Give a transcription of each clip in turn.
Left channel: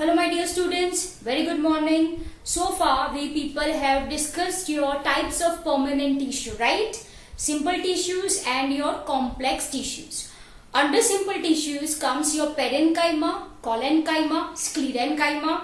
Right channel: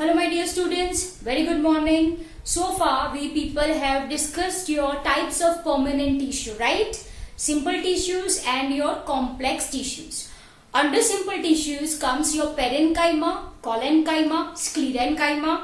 Hello my dear students, very good morning. So far we people have discussed your types of permanent tissue, right? Simple tissues and your complex tissues. Under simple tissues comes your parenchyma, collenchyma, sclerenchyma.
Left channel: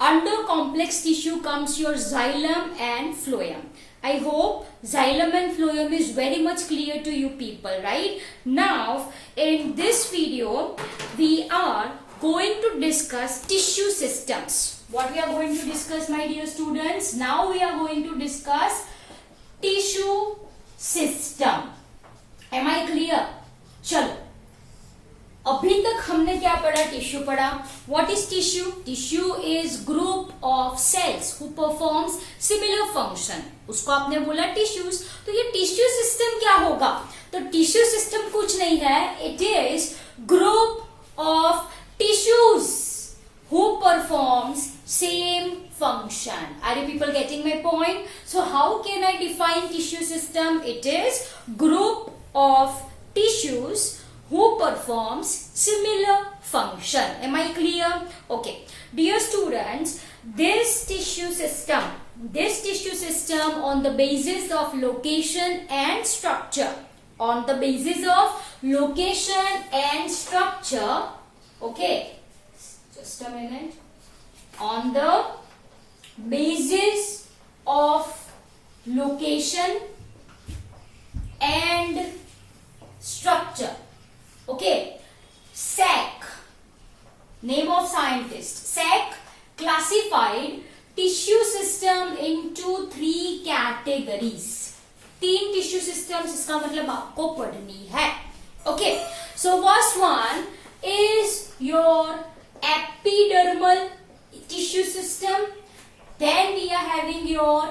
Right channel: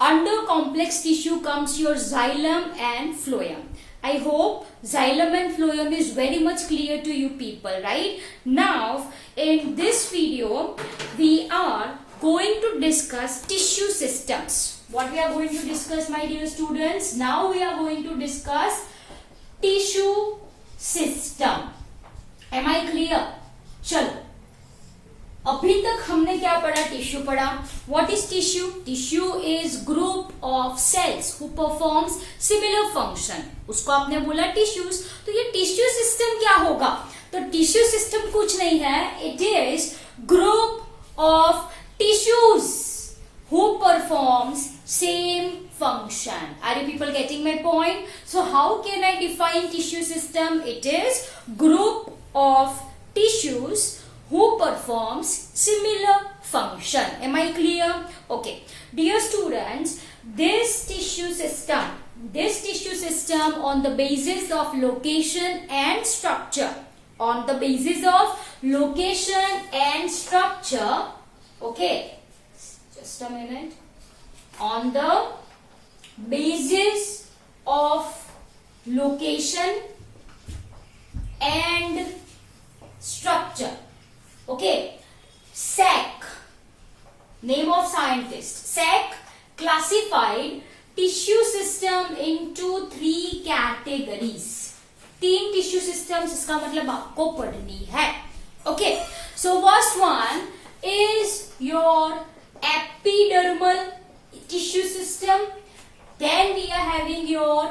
Under complex tissue comes your xylem and phloem. I hope xylem and phloem is very much clear to you people, right? Now in this video we are going to discuss tissue systems. What we are going to discuss, my dear students? Now we are going to discuss tissue system. Am I clear? चलो अभी तक हमने क्या पढ़ा? Tissue पढ़ा. What is tissue? Tissue is group of cells who performs similar function. उसको आपने बोला tissues. तो ये tissue system क्या होगा? तो tissue system कुछ नहीं है. It is group of tissues who performs same function. Are you people getting my point? So how can I define tissue system? It is group of tissues who performs similar function. Am I clear? Okay. Dear students, this tissue system on the basis of location and structure, okay, just a minute. On the basis of location and structure, okay, SAC, name of scientist, SAC classified tissue system into 3 categories. 3 tissue systems, इसका मतलब आपको पढ़नी है. Okay, so first one is your epidermal tissue system. Then we are having your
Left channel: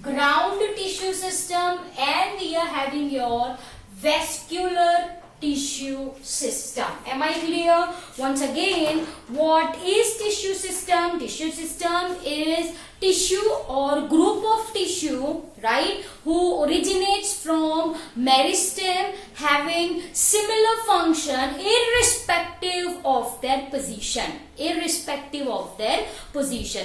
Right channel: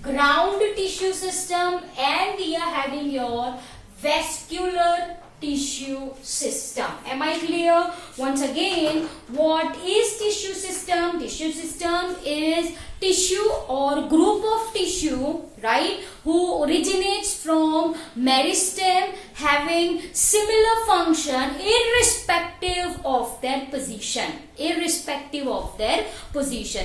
ground tissue system and we are having your vascular tissue system. Am I clear? Once again, what is tissue system? Tissue system is tissue or group of tissue, right, who originates from meristem having similar function irrespective of their position.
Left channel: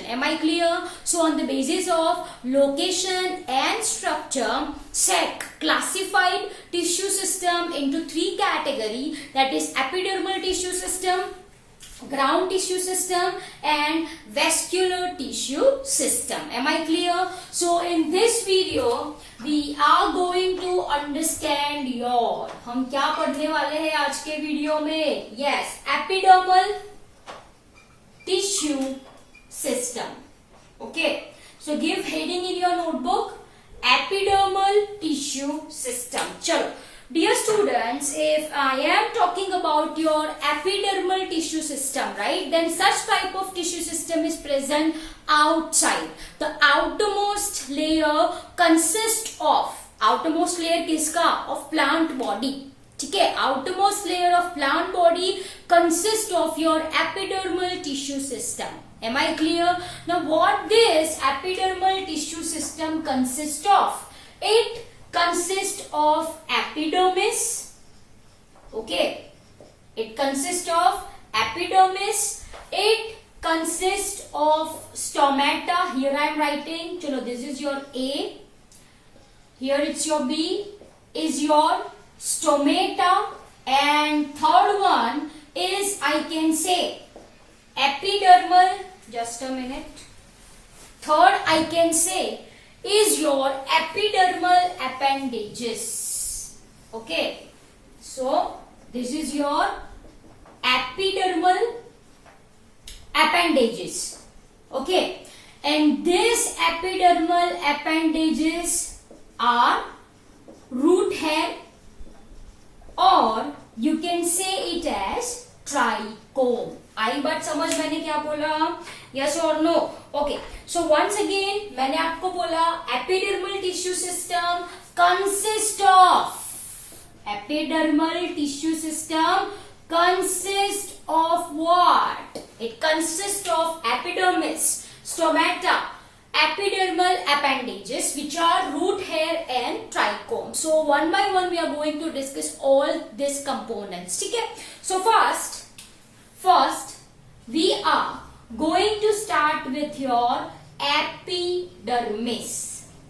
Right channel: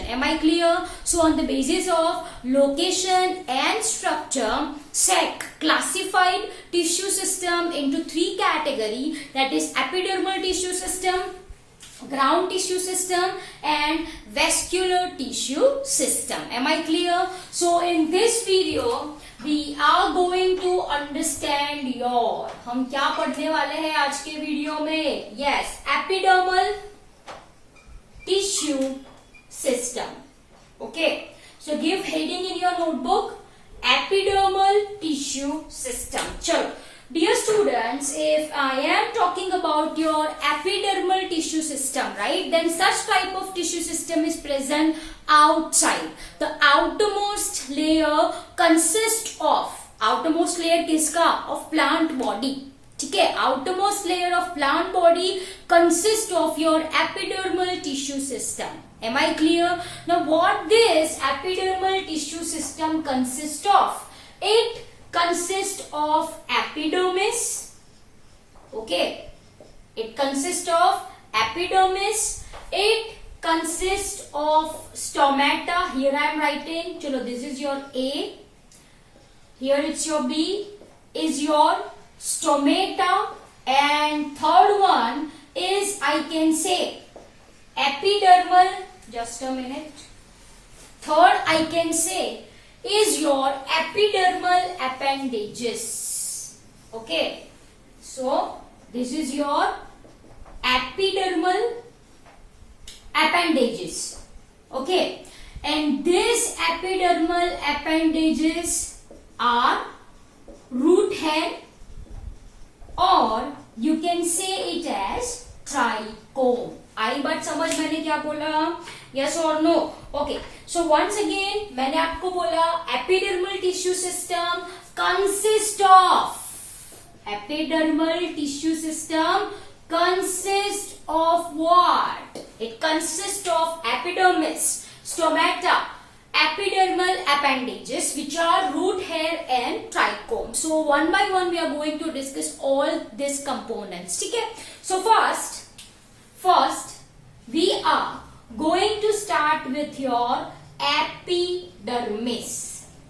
Am I clear? So on the basis of location and structure, SAC classified tissue system into 3 categories, that is epidermal tissue system, ground tissue system and vascular tissue system. Am I clear? So in this video we are going to understand your, हम क्या पढ़ने वाले हैं आज के video में? Yes, epidermal tissue system. Okay, so give heading in your notebook, epidermal tissue system. चलो dear students, if I am talking about your epidermal tissue system, right, then such type of tissue system is present outside. The outermost layer consists of, outermost layer किसका? Of plant body. ठीक है, outermost layer of plant body consists of your epidermal tissue system. Am I clear? Now what this epidermal tissue system consists of? It consists of epidermis. Okay, it consists of epidermis. It consists of stomata. Here I am writing, chalo, this is your A, here it's your B, is your stomata, and third one is, I can say, epidermal. Just a minute. Third I can say is your epidermal appendages. Okay, so this is your epidermal appendages. Okay, and these epidermal appendages are root hair, or you can say it as trichome. आई बात समझ मैंने क्या बोला? Yes और no? Okay, so once again मैंने आपको बोला epidermal tissue system consist of, epidermal tissue system consist of what? It consist of epidermis, stomata, epidermal appendages which are root hair and trichome. So one by one we are going to discuss all these components. ठीक है? So first we are going with your epidermis.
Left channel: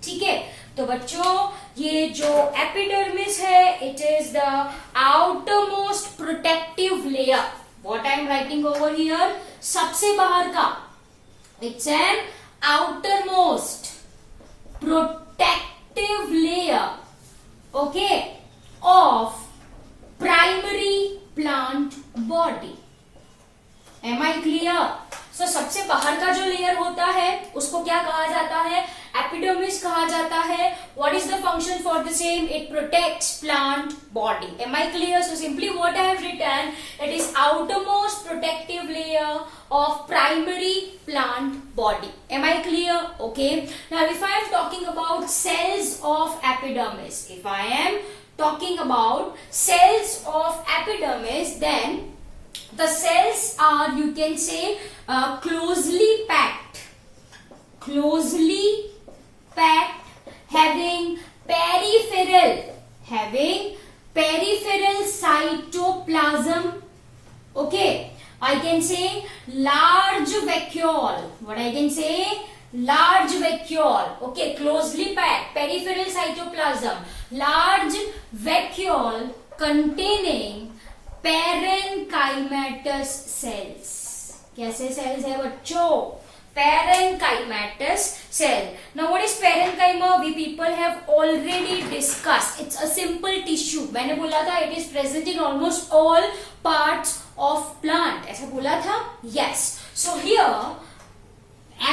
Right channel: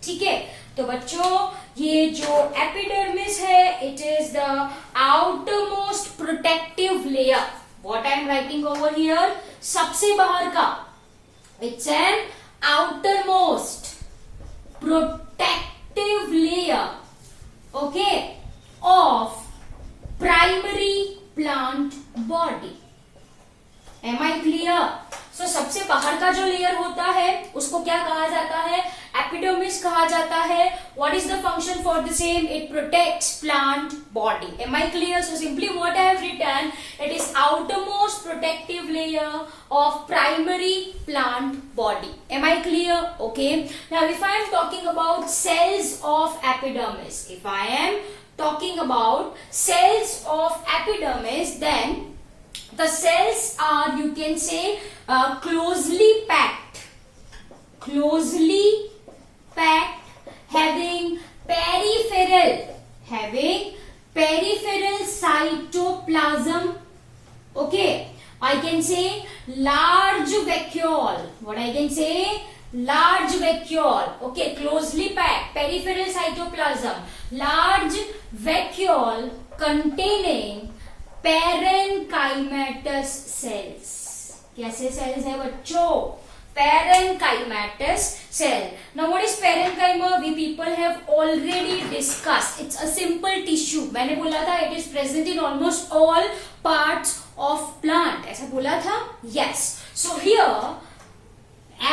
ठीक है, तो बच्चों ये जो epidermis है, it is the outermost protective layer. What I am writing over here, सबसे बाहर का, it's an outermost protective layer, okay, of primary plant body. Am I clear? So सबसे बाहर का जो लेयर होता है उसको क्या कहा जाता है? एपिडर्मिस कहा जाता है. What is the function for the same? It protects plant body. Am I clear? So simply what I have written, it is outermost protective layer of primary plant body. Am I clear? Okay. Now if I am talking about cells of epidermis, if I am talking about cells of epidermis, then the cells are, you can say, closely packed, having peripheral cytoplasm. Okay. I can say large vacuole. What I can say? Large vacuole. Okay, closely packed, peripheral cytoplasm, large vacuole containing parenchymatous cells. कैसे cells है बच्चों? Parenchymatous cell. Now what is parenchyma? We people have already discussed. It's a simple tissue. मैंने बोला था it is present in almost all parts of plant. ऐसा बोला था? Yes. So here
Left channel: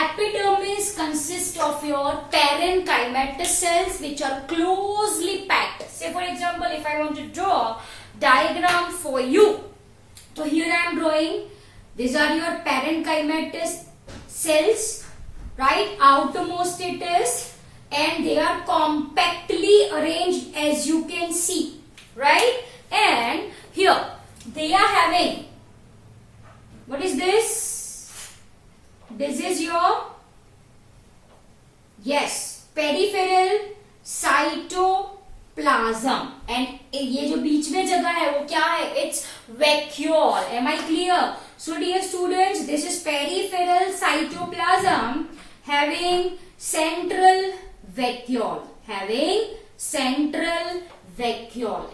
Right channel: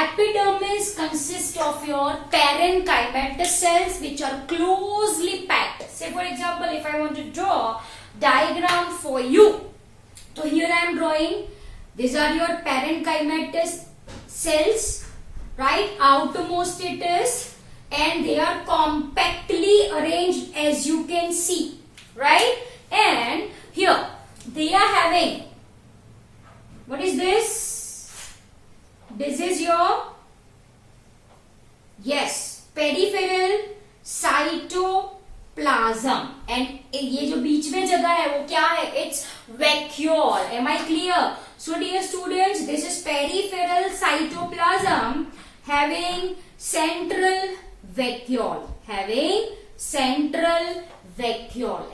epidermis consists of your parenchymatous cells which are closely packed. Say for example, if I want to draw diagram for you, so here I am drawing. These are your parenchymatous cells, right? Outermost it is, and they are compactly arranged as you can see, right? And here they are having, what is this? This is your, yes, peripheral cytoplasm. And ये जो बीच में जगह है वो क्या है? It's vacuole. Am I clear? So dear students, this is peripheral cytoplasm having central vacuole.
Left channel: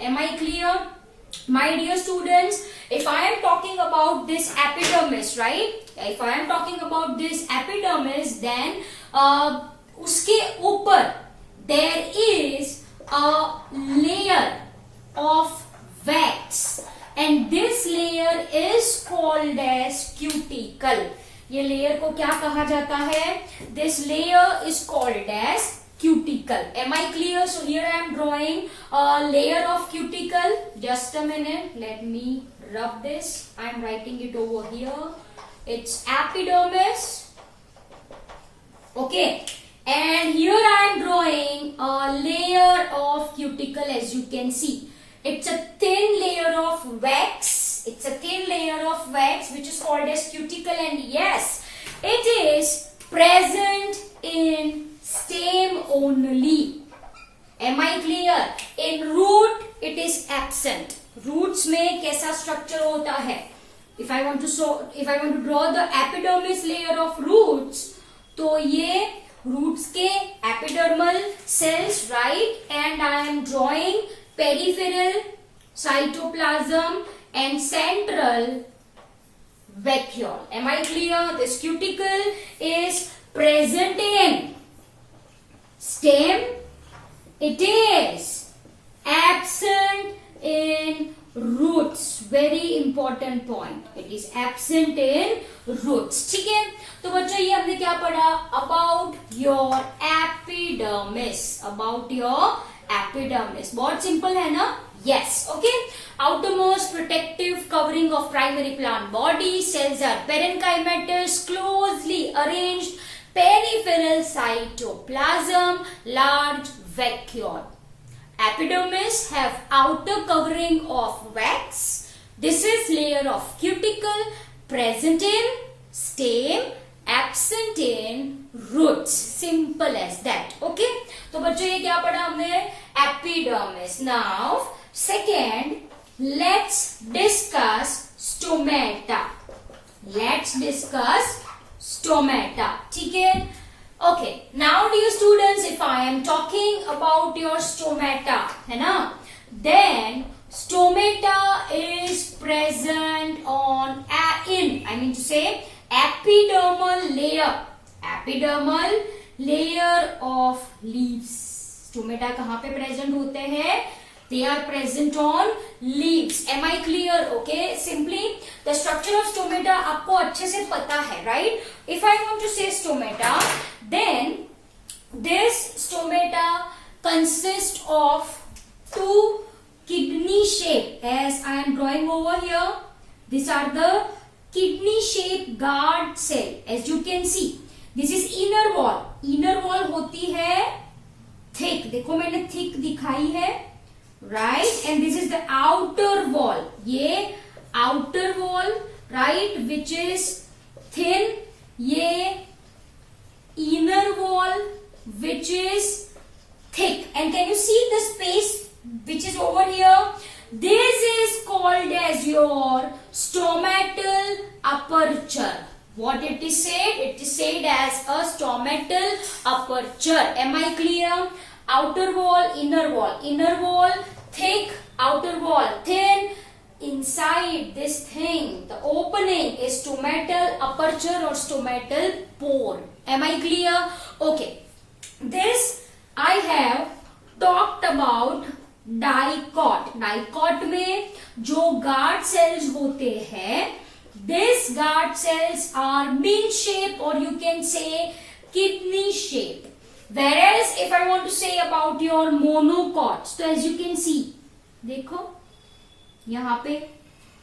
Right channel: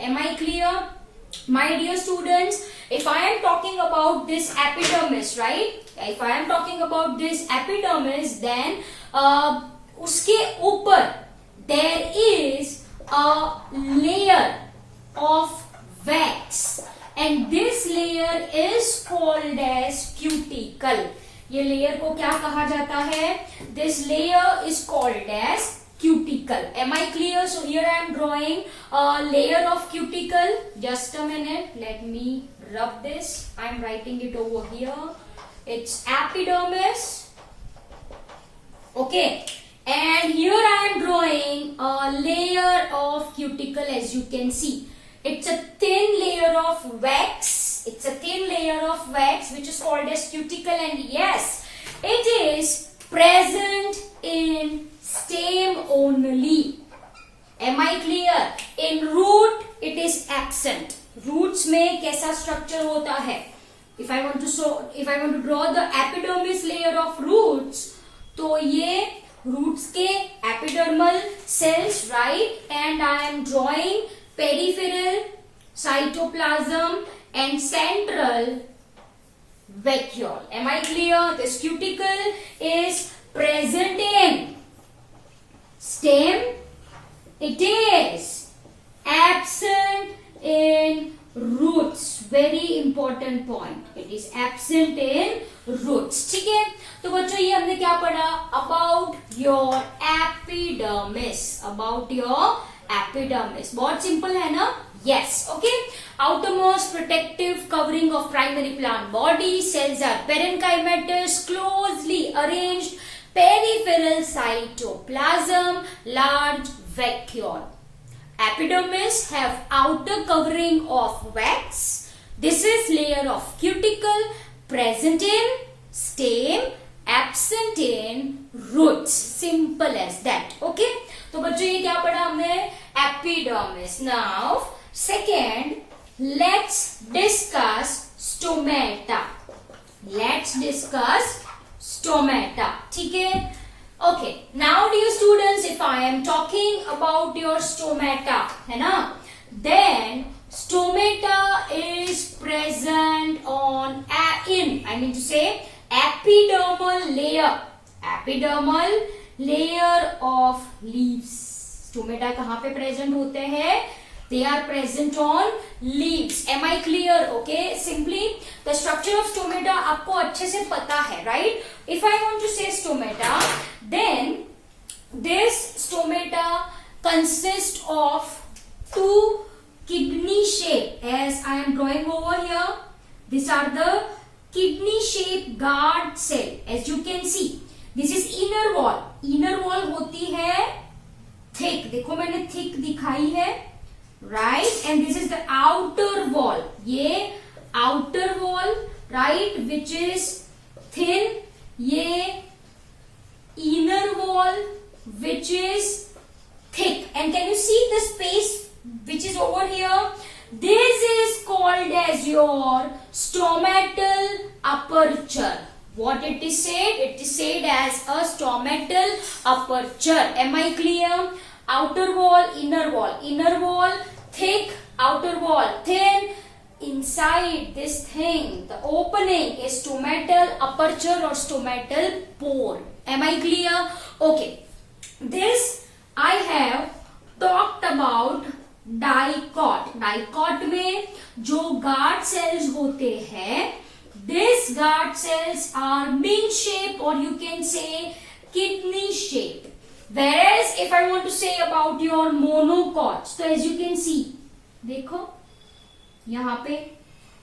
Am I clear? My dear students, if I am talking about this epidermis, right? If I am talking about this epidermis, then उसके ऊपर there is a layer of wax, and this layer is called as cuticle. ये layer को क्या कहा जाता है? This layer is called as cuticle. Am I clear? So here I am drawing a layer of cuticle. Just a minute, let me rub this. I am writing it over here. It's epidermis. Okay, and here I am drawing a layer of cuticle. As you can see, it's a thin layer of wax. Which is called as cuticle, and yes, it is present in stem only. Am I clear? In root it is absent. Roots में कैसा structure होता है? If I want to draw the epidermis layer of roots, तो ये roots के epidermal cells, right? And I am drawing peripheral cytoplasm and central vacuole. Am I clear? This cuticle is present in stem. It is absent in roots. Very important point. It is absent in roots. ठीक है? तो बच्चों ये हमने क्या पढ़ा? About your epidermis. बहुत simple है ना? Yes. Okay. Outermost protective covering of primary plant body. Cells are parenchymatous, closely arranged, peripheral cytoplasm, large vacuole. Epidermis have outer covering of wax. This is layer of cuticle, present in stem, absent in roots. Simple as that. Okay. तो बच्चों ये क्या पढ़ा हमने? Epidermis. Now second, let's discuss stomata. stomata. ठीक है? Okay. Now, dear students, if I am talking about your stomata, है ना? Then stomata is present on I mean to say epidermal layer of leaves. Stomata कहाँ पे present होते हैं? They are present on leaves. Am I clear? Okay. Simply the structure of stomata आपको अच्छे से पता है, right? If I want to say stomata, then this stomata consists of two kidney shape, as I am drawing over here. These are the kidney shaped guard cell. As you can see, this is inner wall. Inner wall होती है thick. देखो मैंने thick दिखाई है, right? And this is the outer wall. ये outer wall, right, which is thin. ये inner wall, which is thick. And can you see the space which is over here? This is called as your stomatal aperture. What it is said? It is said as a stomatal aperture. Am I clear? Outer wall, inner wall. Inner wall thick, outer wall thin. Inside this thing, the opening is stomatal aperture or stomatal pore. Am I clear? Okay. This I have talked about dicot. Dicot में जो guard cells होते हैं, these guard cells are mint shape or you can say kidney shape. Whereas if I want to say about your monocots, so as you can see, देखो यहाँ पे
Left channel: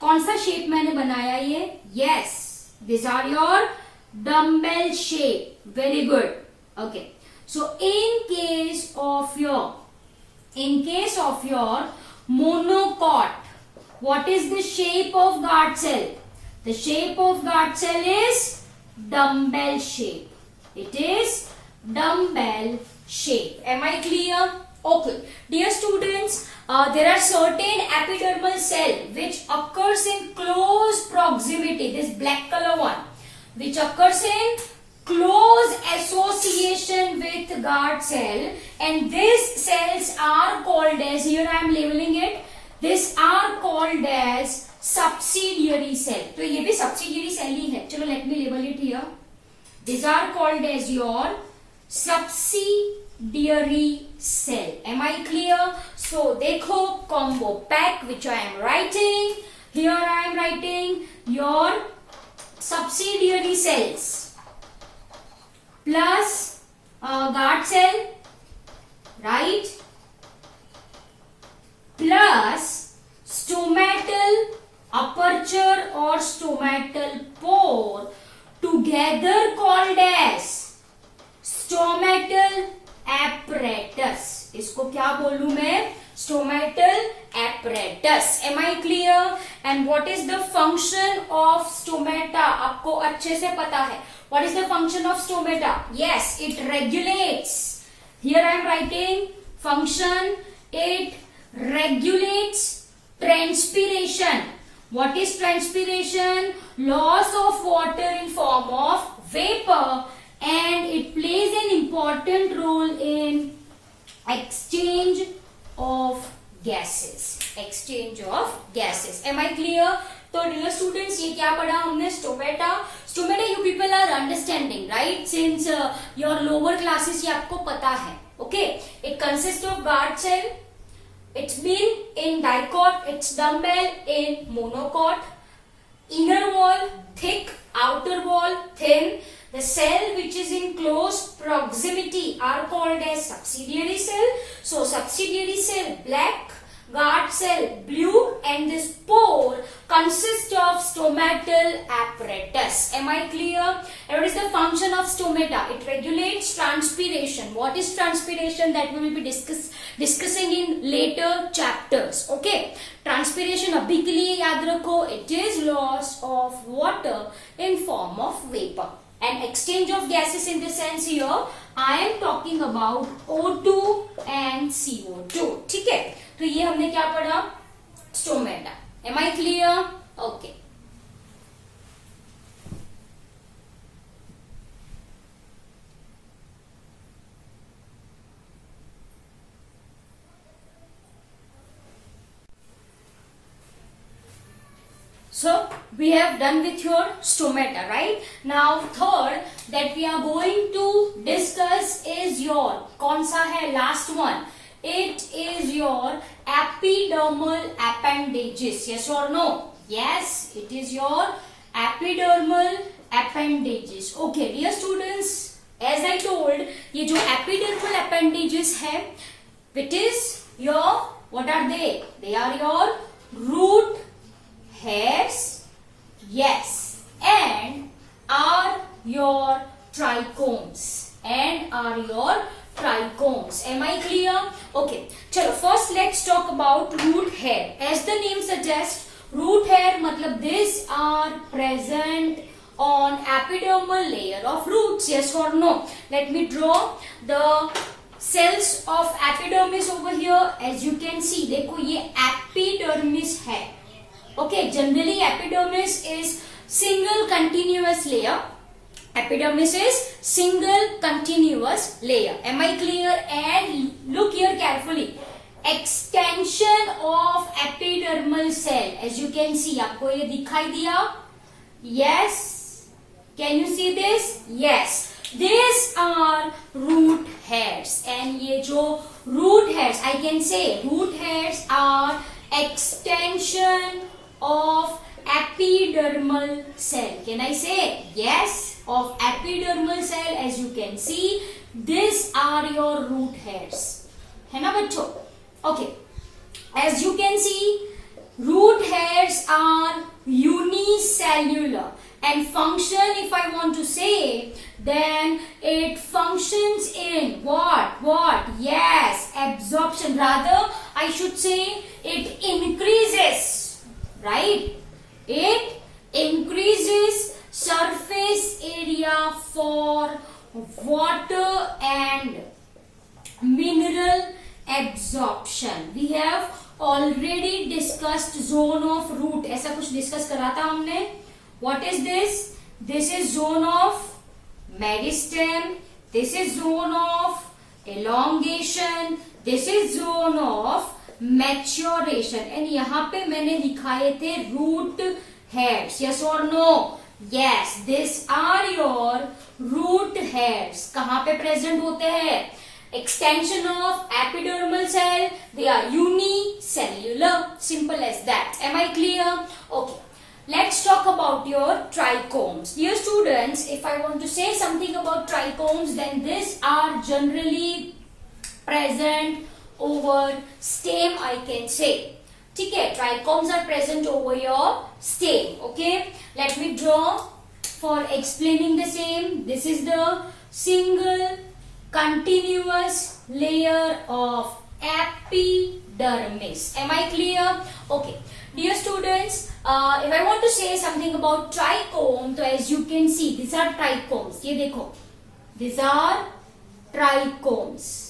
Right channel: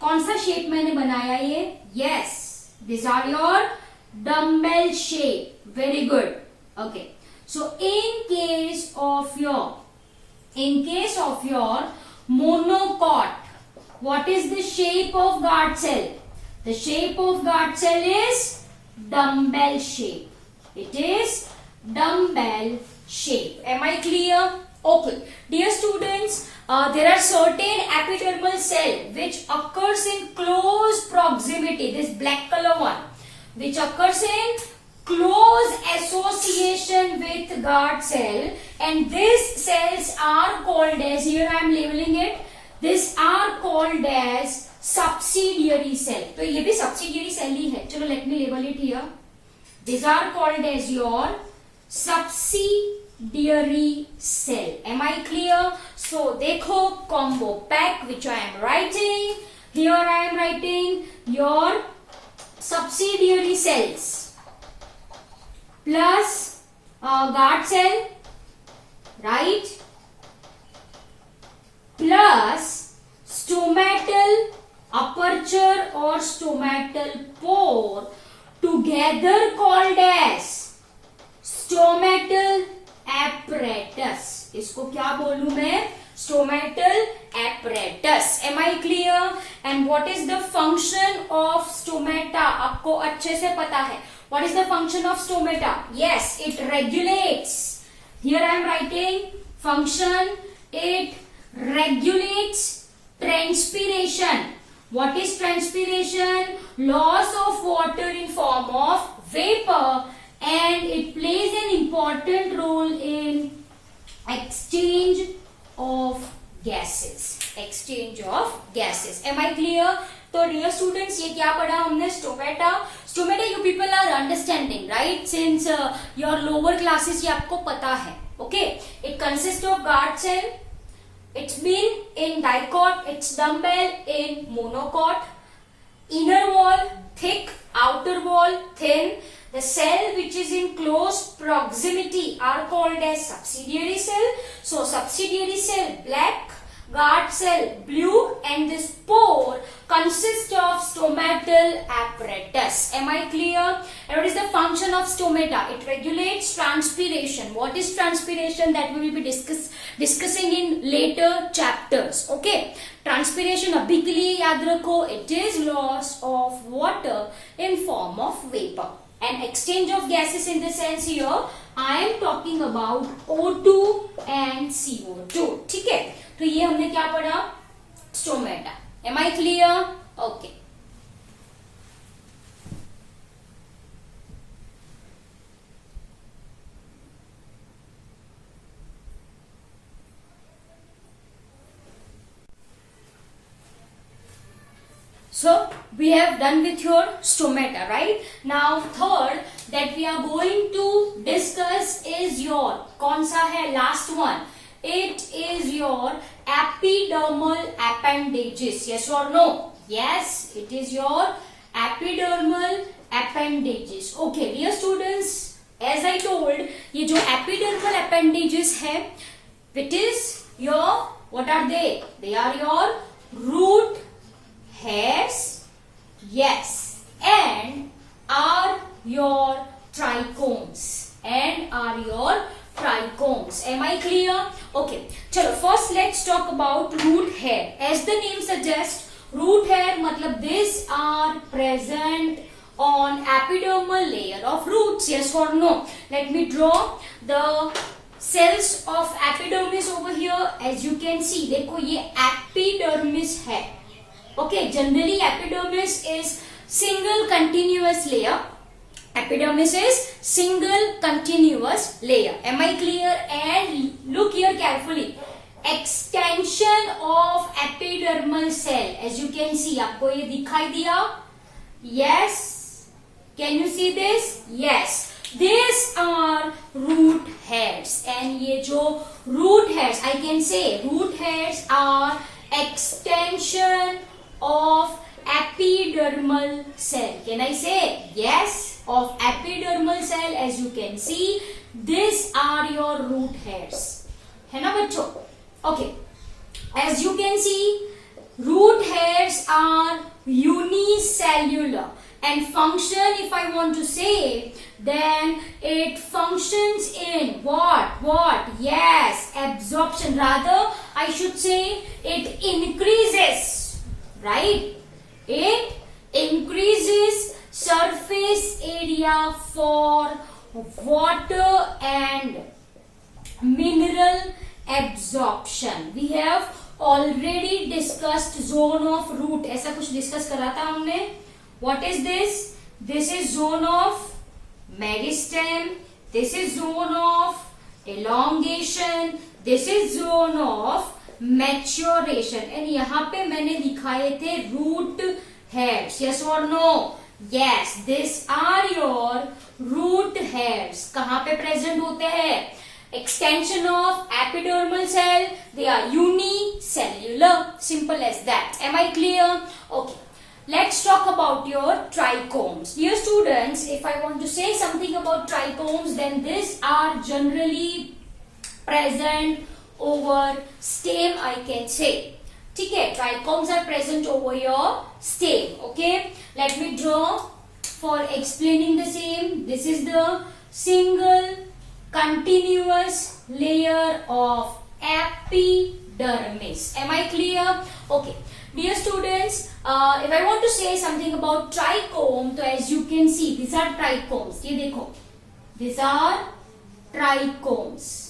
कौन सा shape मैंने बनाया ये? Yes, these are your dumbbell shape. Very good. Okay. So in case of your monocot, what is the shape of guard cell? The shape of guard cell is dumbbell shape. It is dumbbell shape. Am I clear? Okay. Dear students, there are certain epidermal cell which occurs in close proximity. This black color one, which occurs in close association with guard cell, and these cells are called as, here I am labeling it, these are called as subsidiary cell. तो ये भी subsidiary cell ही है. चलो let me label it here. These are called as your subsidiary cell. Am I clear? So देखो combo pack which I am writing. Here I am writing your subsidiary cells plus guard cell, right, plus stomatal aperture or stomatal pore, together called as stomatal apparatus. इसको क्या बोलूं मैं? Stomatal apparatus. Am I clear? And what is the function of stomata? आपको अच्छे से पता है. What is the function of stomata? Yes, it regulates. Here I am writing function. It regulates transpiration. What is transpiration? Loss of water in form of vapor, and it plays an important role in exchange of gases. Exchange of gases. Am I clear? तो dear students, ये क्या पढ़ा हमने? Stomata. Stomata you people are understanding, right? Since your lower classes ये आपको पता है. Okay. It consists of guard cell. It's been in dicot. It's dumbbell in monocot. Inner wall thick, outer wall thin. The cell which is in close proximity are called as subsidiary cell. So subsidiary cell black, guard cell blue, and this pore consists of stomatal apparatus. Am I clear? And what is the function of stomata? It regulates transpiration. What is transpiration? That we will be discussing in later chapters. Okay. Transpiration अभी के लिए याद रखो. It is loss of water in form of vapor. And exchange of gases in the sense here, I am talking about O2 and CO2. ठीक है? तो ये हमने क्या पढ़ा? Stomata. Am I clear? Okay. So we have done with your stomata, right? Now third that we are going to discuss is your कौन सा है last one? It is your epidermal appendages. Yes or no? Yes, it is your epidermal appendages. Okay, dear students, as I told, ये जो epidermal appendages है, it is your, what are they? They are your root hairs, yes, and are your trichomes, am I clear? Okay, chalo first let's talk about root hair. As the name suggests, root hair matlab these are present on epidermal layer of roots. Yes or no? Let me draw the cells of epidermis over here. As you can see, देखो ये epidermis है. Okay, generally epidermis is single continuous layer. Epidermis is single continuous layer. Am I clear? And look here carefully. Extension of epidermal cell. As you can see, आपको ये दिखाई दिया? Yes. Can you see this? Yes. These are root hairs. And ये जो root hairs, I can say root hairs are extension of epidermal cell. Can I say? Yes, of epidermal cell. As you can see, these are your root hairs. है ना बच्चों? Okay. As you can see, root hairs are unicellular. And function, if I want to say, then it functions in what? Yes, absorption. Rather, I should say it increases. Right? It increases surface area for water and mineral absorption. We have already discussed zone of root. ऐसा कुछ discuss करा था हमने. What is this? This is zone of meristem. This is zone of elongation. This is zone of maturation. And यहाँ पे मैंने दिखाए थे root hairs. Yes or no? Yes, these are your root hairs. कहाँ पे present होते हैं? Extension of epidermal cell. They are unicellular. Simple as that. Am I clear? Okay. Let's talk about your trichomes. Dear students, if I want to say something about trichomes, then these are generally present over stem, I can say. ठीक है, trichomes are present over your stem. Okay, let me draw for explaining the same. This is the single continuous layer of epidermis. Am I clear? Okay. Dear students, if I want to say something about trichome, so as you can see, these are trichomes. ये देखो, these are trichomes.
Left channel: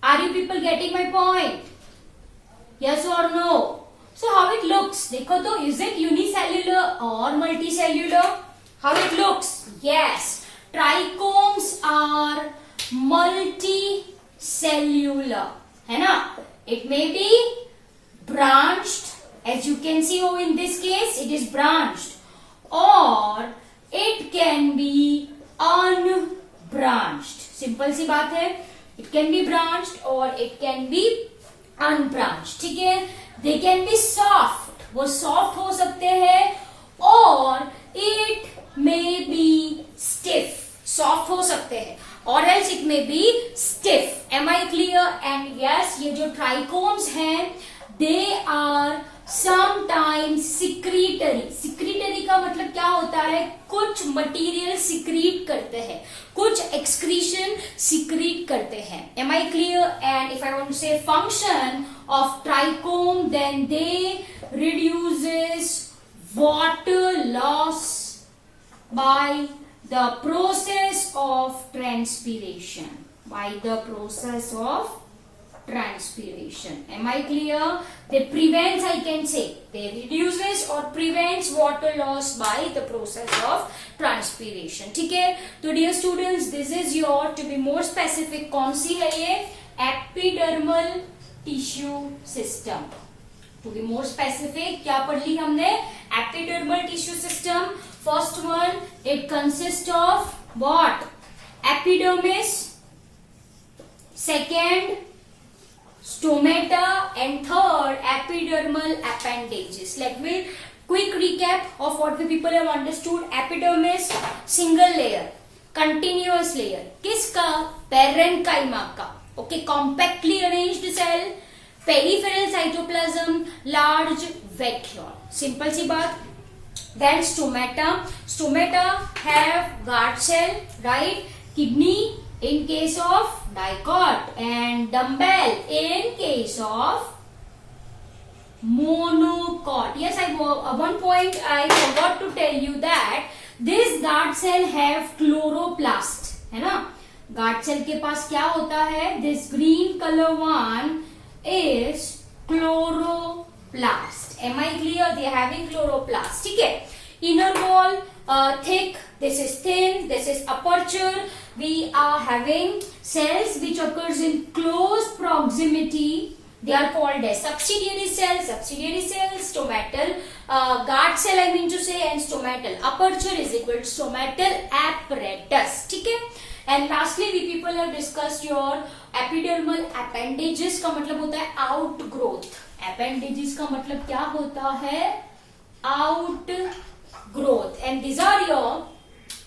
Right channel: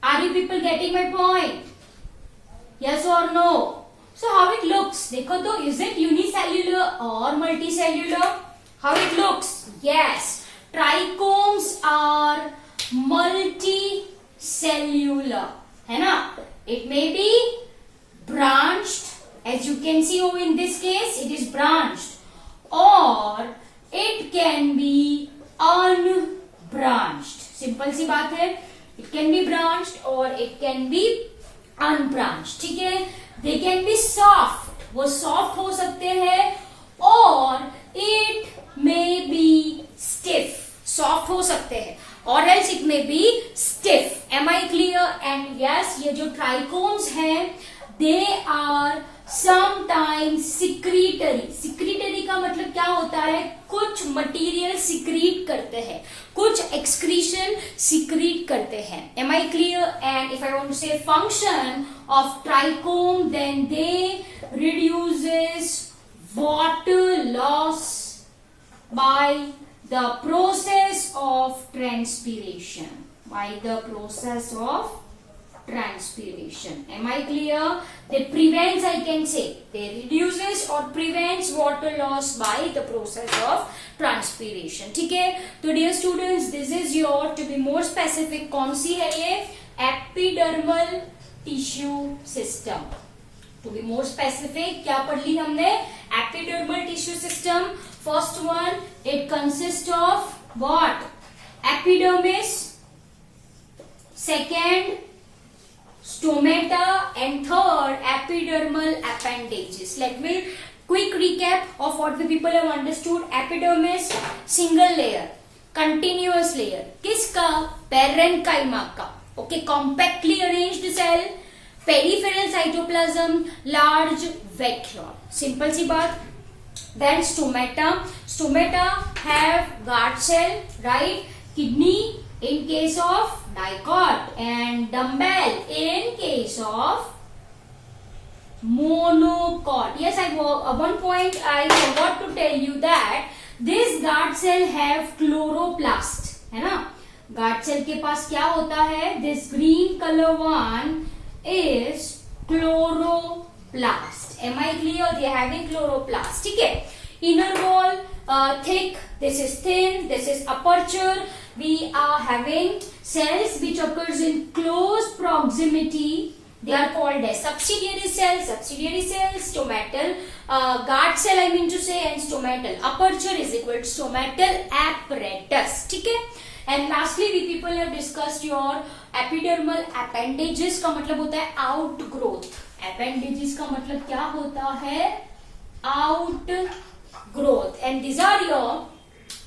Are you people getting my point? Yes or no? So how it looks? देखो तो, is it unicellular or multicellular? How it looks? Yes, trichomes are multicellular. है ना? It may be branched. As you can see over in this case, it is branched, or it can be unbranched. Simple सी बात है. It can be branched or it can be unbranched. ठीक है? They can be soft. वो soft हो सकते हैं, or it may be stiff. Soft हो सकते हैं, or else it may be stiff. Am I clear? And yes, ये जो trichomes हैं, they are sometimes secretory. Secretory का मतलब क्या होता है? कुछ मटेरियल सिक्रीट करते हैं, कुछ एक्सक्रीशन सिक्रीट करते हैं. Am I clear? And if I want to say function of trichome, then they reduces water loss by the process of transpiration. By the process of transpiration. Am I clear? They prevents, I can say, they reduces or prevents water loss by the process of transpiration. ठीक है? तो dear students, this is your, to be more specific, कौन सी है ये? Epidermal tissue system. To be more specific, क्या पढ़ ली हमने? Epidermal tissue system. First one, it consist of what? Epidermis. Second, stomata, and third, epidermal appendages. Let me quick recap of what we people have understood. Epidermis, single layer, continuous layer. किसका? parenchyma का. Okay, compactly arranged cell, peripheral cytoplasm, large vacuole. Simple सी बात. Then stomata. Stomata have guard cell, right? Kidney in case of dicot and dumbbell in case of monocot. Yes, one point I forgot to tell you that this guard cell have chloroplast, है ना? guard cell के पास क्या होता है? This green color one is chloroplast. Am I clear? They are having chloroplast. ठीक है. Inner wall thick, this is thin, this is aperture. We are having cells which occurs in close proximity. They are called as subsidiary cells, stomatal guard cell I mean to say, and stomatal aperture is equal to stomatal apparatus. ठीक है. And lastly we people have discussed your epidermal appendages. का मतलब होता है outgrowth. Appendages का मतलब क्या होता है? Outgrowth. And these are your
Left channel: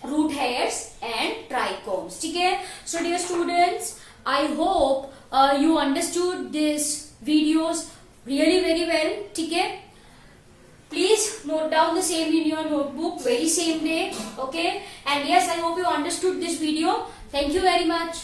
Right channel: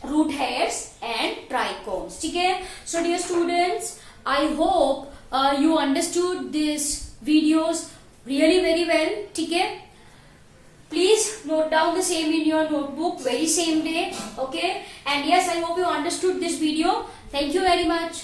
root hairs and trichomes. ठीक है. So dear students, I hope you understood these videos really very well. ठीक है. Please note down the same in your notebook very same day. Okay. And yes, I hope you understood this video. Thank you very much.